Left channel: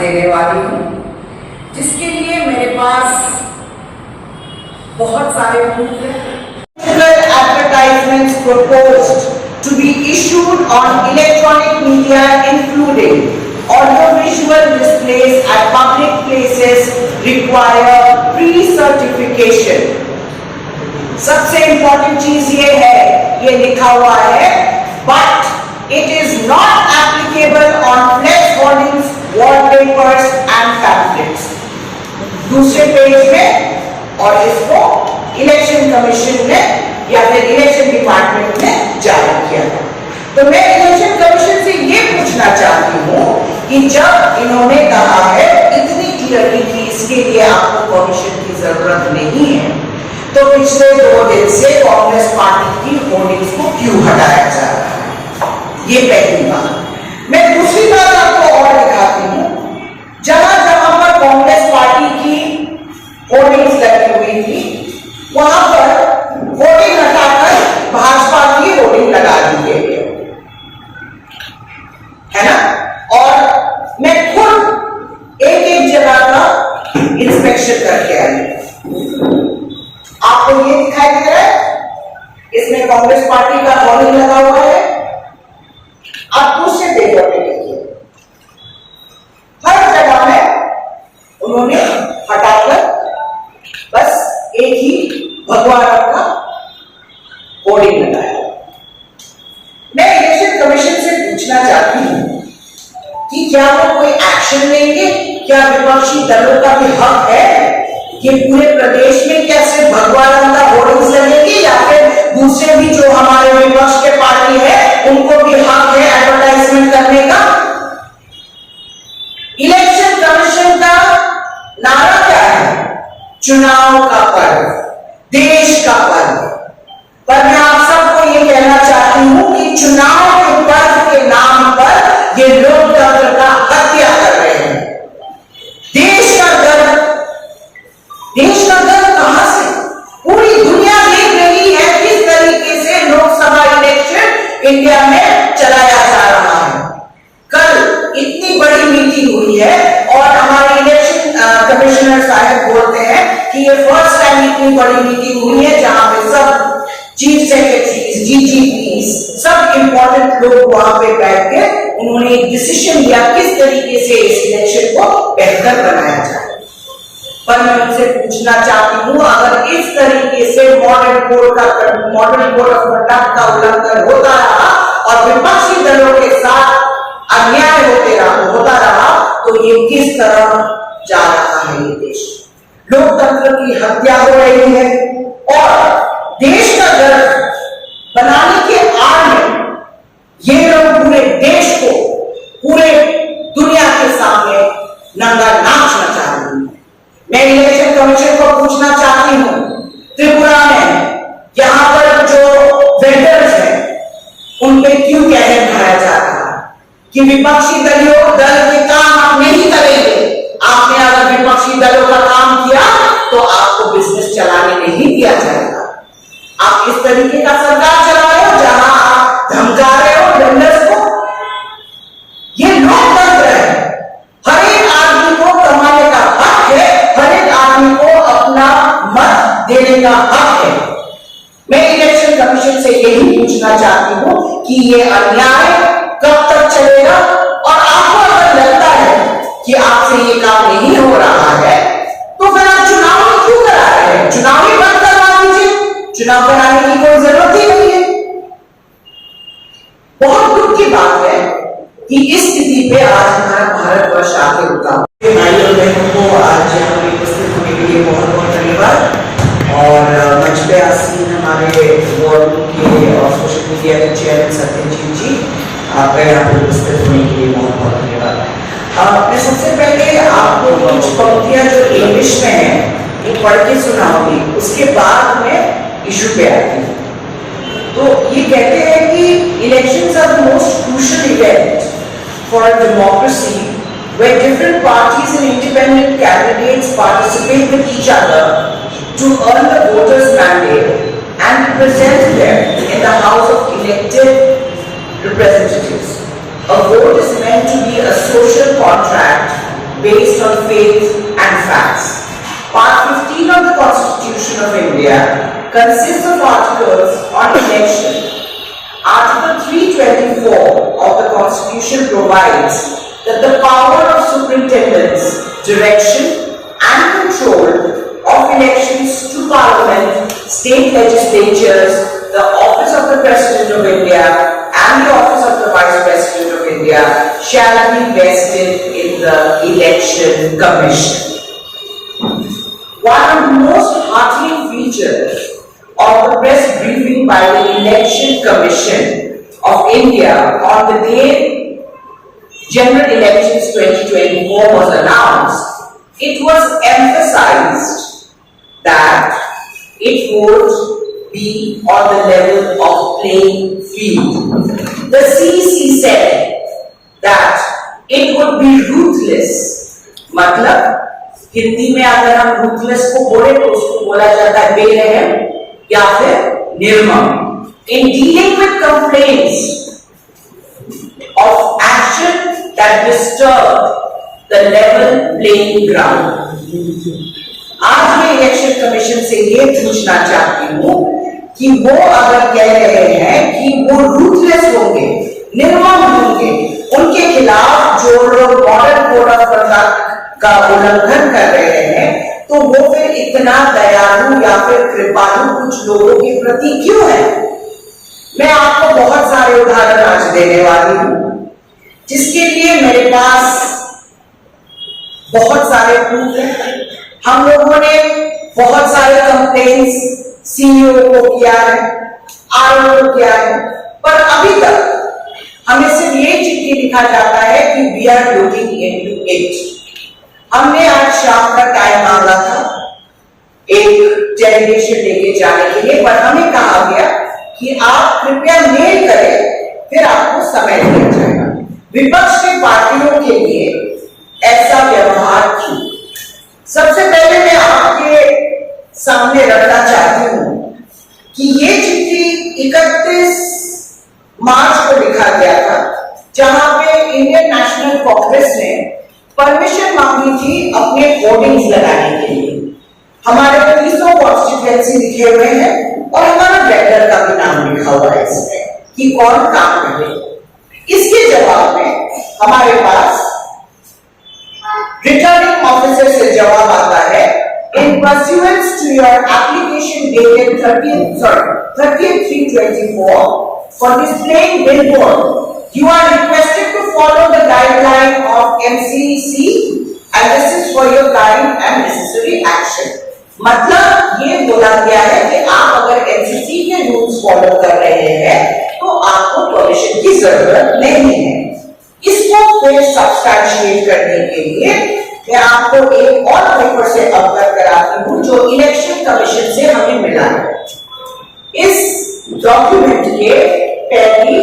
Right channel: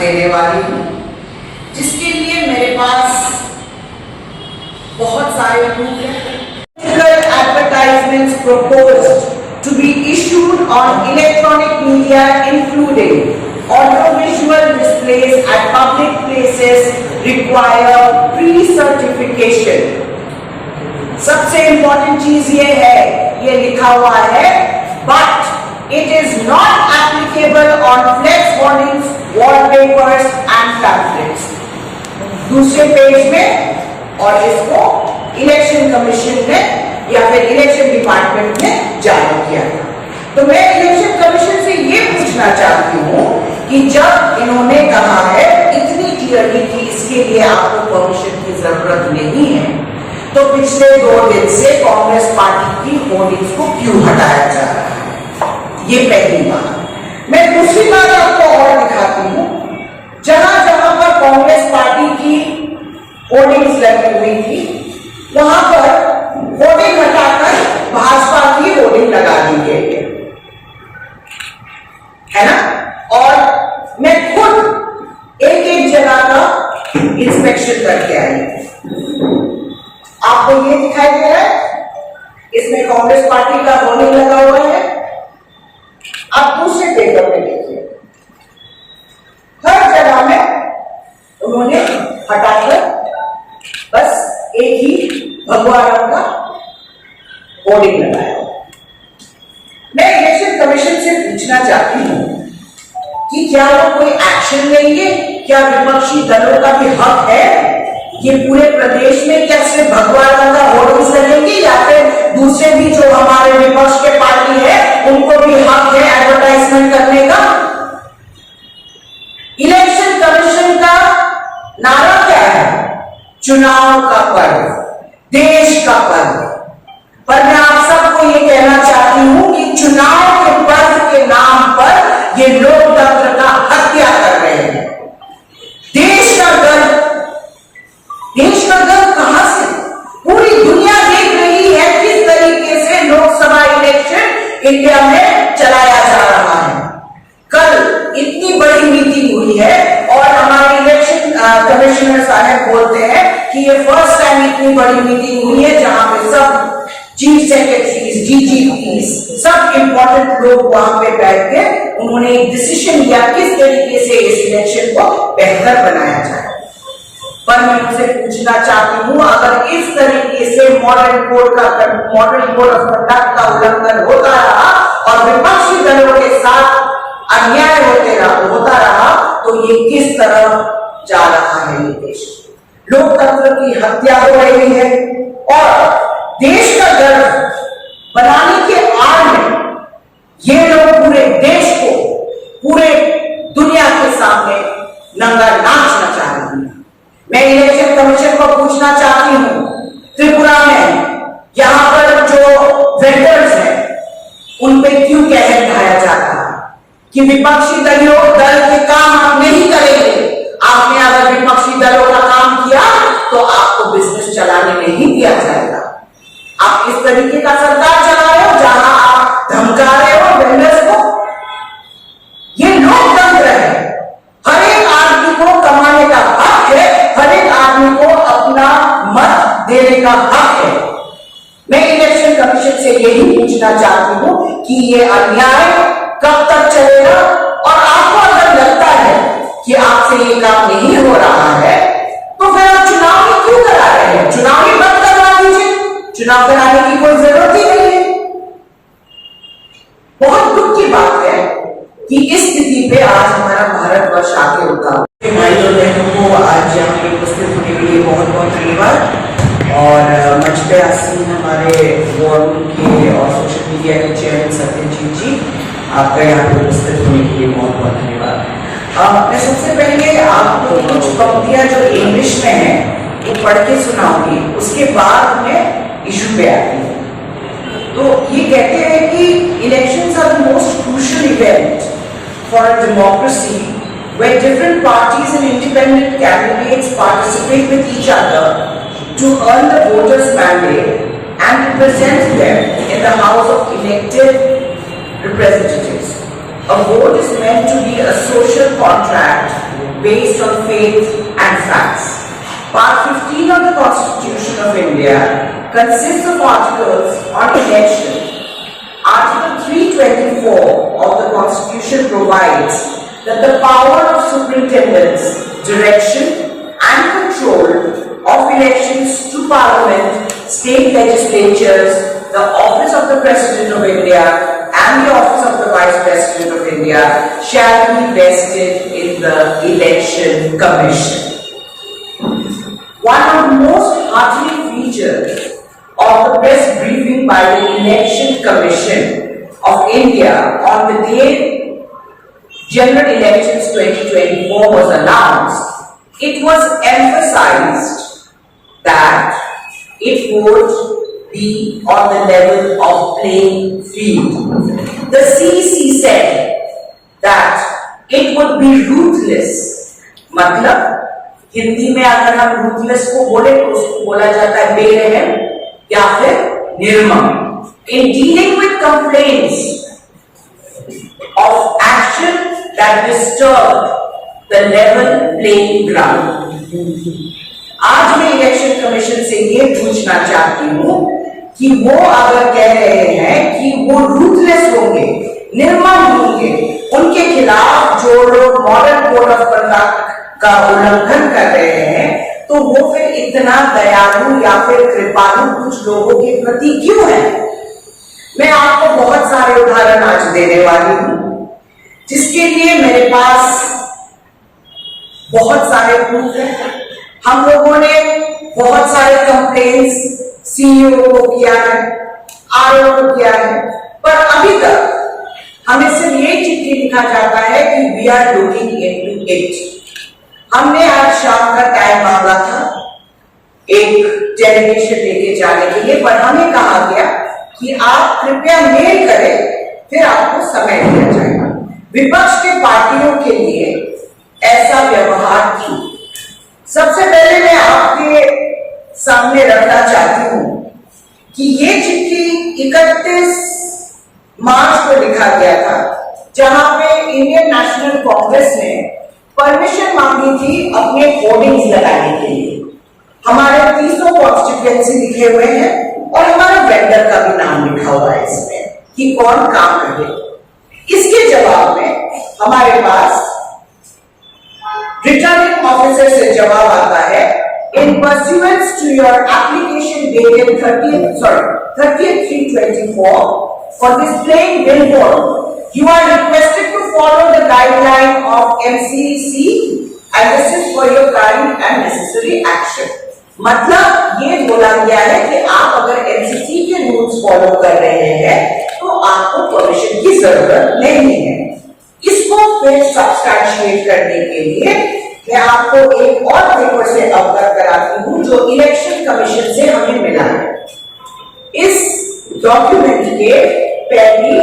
देने वाली हूँ, जिसके लिए मेरे पास बहुत सारे प्रूफ हैं। Advertisements proposed to be issued on electronic media, including audiovisual displays at public places, require pre-certification. सबसे important चीज ये है, ये लिखा हुआ है, but it is not applicable on flex hoardings, wallpapers and pamphlets. दूसरे पेज में, और इसको इलेक्शन कमीशन ने या फिर इलेक्शन डिपार्टमेंट ने जारी किया है। तो मैं इलेक्शन कमीशन से ये पूछना चाहती हूँ कि जब इन्होंने कहा है इतनी क्लियरली कि इसके लिए आपको परमिशन की जरूरत नहीं है, तो पिछले 2 दिन से कांग्रेस पार्टी की होर्डिंग्स को क्यों हटाया जा रहा है? ये पहली बात। मैं दूसरी बात आपको और दिखाती हूँ, जहां जहां पर कांग्रेस पार्टी की होर्डिंग्स लगी हुई थी, वहां पर होर्डिंग हटाकर भाजपा की होर्डिंग लगा दी गई है ना। और मैं खुद एक एक जगह का इंस्पेक्शन करके आई। आपको ये दिखाई दे रहा है, इसमें कांग्रेस पार्टी का होर्डिंग लगा हुआ है। आप दूसरे पेपर में देखिए, हर जगह में उन्होंने हटाकर बस एक ही भगवा रंग का होर्डिंग लगाया। मैं इलेक्शन कमीशन से पूछना चाहती हूं कि क्या वो कोई एक्शन लेंगे? क्या विपक्षी दलों का भी हक है? ये पूरे प्रदेश में क्या सिर्फ भगवा रंग का होर्डिंग्स लगेंगे, या फिर दूसरे भी जो हमारे विपक्ष के पार्टी है उनको भी हक है एडवर्टाइजमेंट करने का? इलेक्शन कमीशन का नारा क्या है? चुनाव का पर्व, देश का पर्व। पर मैं आप सबको ये कहना चाहती हूं कि चुनाव के पर्व के नाम पर ये लोकतंत्र का हत्या कर रहे हैं। देश का गर्व कहां से? पूरी दुनिया देख रही है किस तरीके से लोकसभा इलेक्शन इंडिया में चलाया जा रहा है। कल इतनी बड़ी मीटिंग हुई है और हमारे इलेक्शन कमिश्नर साहब बोलते हैं कि ये फर्स्ट टाइम इतनी बड़ी मीटिंग हुई है जहां पे सब चीफ सेक्रेटरीज, डीजीपीज, सब इंपॉर्टेंट लोग वहां पे बैठ के उन्होंने एक डिसीजन लिया किस तरीके से इस इलेक्शन को बेहतर बनाया जाए। पर मैं उनसे पूछना चाहती हूं, अगर इस तरीके से मॉडल कोड ऑफ कंडक्ट का उल्लंघन होता रहा और विपक्षी दलों के साथ अन्याय होता रहा, तो ये किस तरह जा रहा है? ये देश लोकतंत्र की हत्या हो रही है और देश का गर्व बनाने के आड़ में ये लोग पूरे देश को पूरे दुनिया के सामने नंगा नाचना चाह रहे हैं। मैं इलेक्शन कमीशन को पूछना चाहती हूं, त्रिपुरा में यहां पर जो वेंडर्स हैं उन पे क्यों कहर ढाया जा रहा है कि विपक्षी दल के काम आप नहीं करेंगे? आपने अगर विपक्षी दलों का काम किया तो आपको बिजनेस चलाने नहीं दिया जाएगा। आप इस तरीके का सरकार चला रहे हो जहां आप धमका रहे हो वेंडर्स को। ये लोकतंत्र है, हर एक आदमी को कमाने का हक है, हर एक आदमी को अपना मत देने का हक है। मैं इलेक्शन कमीशन से यही पूछना चाहती हूं कि ये अन्याय कब तक चलेगा? और आपको अगर लगता है कि आपसे ये काम नहीं हो रहा है, तो फिर आप चुनाव ही क्यों करा रहे हैं? चुनाव ही बंद करवा दीजिए, चुनाव कराने की कोई जरूरत ही नहीं है। बहुत दुख की बात है कि इस स्थिति पे आज हमारा भारतवर्ष आके रुका। भाई और बहनों को आज यहाँ पे उपस्थित होने के लिए बहुत बहुत धन्यवाद। और मंच पे आसीन हमारे वार्ड के और सोशल मीडिया के चेयरमैन सत्यजीत जी, आपका यहाँ पे उपस्थित होने के लिए बहुत बहुत धन्यवाद। मैं सबसे पहले आपको कुछ पंक्तियां जो इंग्लिश में है वो पढ़ के सुनाऊंगी, उसके बाद में इशू पे आती हूँ। तो ये कहते हैं कि elections are the most crucial event for a democracy where different parties and independent candidates participate with each other to earn the voters' mandate and represent them in the House of elected representatives. A vote is meant to be a social contract based on faith and facts. Part 15 of the Constitution of India consists of articles on election. Article 324 of the Constitution provides that the power of superintendence, direction and control of elections to Parliament, state legislatures, the office of the President of India and the office of the Vice President of India shall be vested in the Election Commission. One of the most heartening features of the press briefing by the Election Commission of India on the day General Elections 2024 was announced, it was emphasized that it would be on the level of playing field. The CEC said that it would be ruthless. मतलब हिंदी में अगर हम ruthless को बोले तो उसको बोला जाता है बेरहम या फिर निर्मम. In dealing with complaints of action that disturb the level playing ground. आज मैं इलेक्शन कमीशन से ये पूछना चाहती हूँ कि वो अगर कह रहे हैं कि वो रूथलेस होंगे, निर्मम होंगे, उनके खिलाफ जो लोग मॉडल कोड ऑफ कंडक्ट का उल्लंघन कर रहे हैं, तो वो फिर इतना दयालु या फिर कृपालु कुछ लोगों के प्रति क्यों है? मैं आपको बहुत सारे उदाहरण आज देने वाली हूं, जिसके लिए मेरे पास बहुत सारे प्रूफ हैं. हम लोगों ने बहुत सारे कंप्लेंट्स सीईओ को किया है, आरओ को किया है, पर अभी तक हमें सिर्फ ये चिट्ठी लिखा जाता है कि we are looking into it. हमने आज शाम का टाइम मांगा था एक डेलीगेशन लेके जाने के लिए, पर हमें कहा गया कि आप कृपया मेल करें, फिर आपको समय दिया जाएगा. विपक्ष के पार्टियों के लिए ऐसा व्यवहार क्यों? सबसे पहले मैं आपके सामने रखना चाहती हूं कि ये चिट्ठी 31 मार्च को लिखा गया था, जहां पे इंडियन नेशनल कांग्रेस ने परमिशन मांगी थी अपने होर्डिंग्स लगाने के लिए. हमारे 30 कॉन्स्टिट्यूएंसी लिखे हुए हैं और हमारा वेंडर का भी नाम लिखा हुआ है इसमें कि कौन काम करे. इसके जवाब में हमारे पास रिटर्निंग ऑफिसर से जवाब आता है, in pursuance to your application dated 30/3/24 for displaying billboard you are requested to follow the guideline of MCC and this is for your kind and necessary action. मतलब ये बोला गया है कि आप अगर MCC के रूल्स फॉलो कर रहे हैं तो आपको परमिशन की जरूरत नहीं है. इसको फिर सब्सटैंशिएट करने के लिए मैं आपको एक और पेपर से अवगत कराती हूं जो इलेक्शन कमीशन से हमें मिला है. इस डॉक्यूमेंट के पहली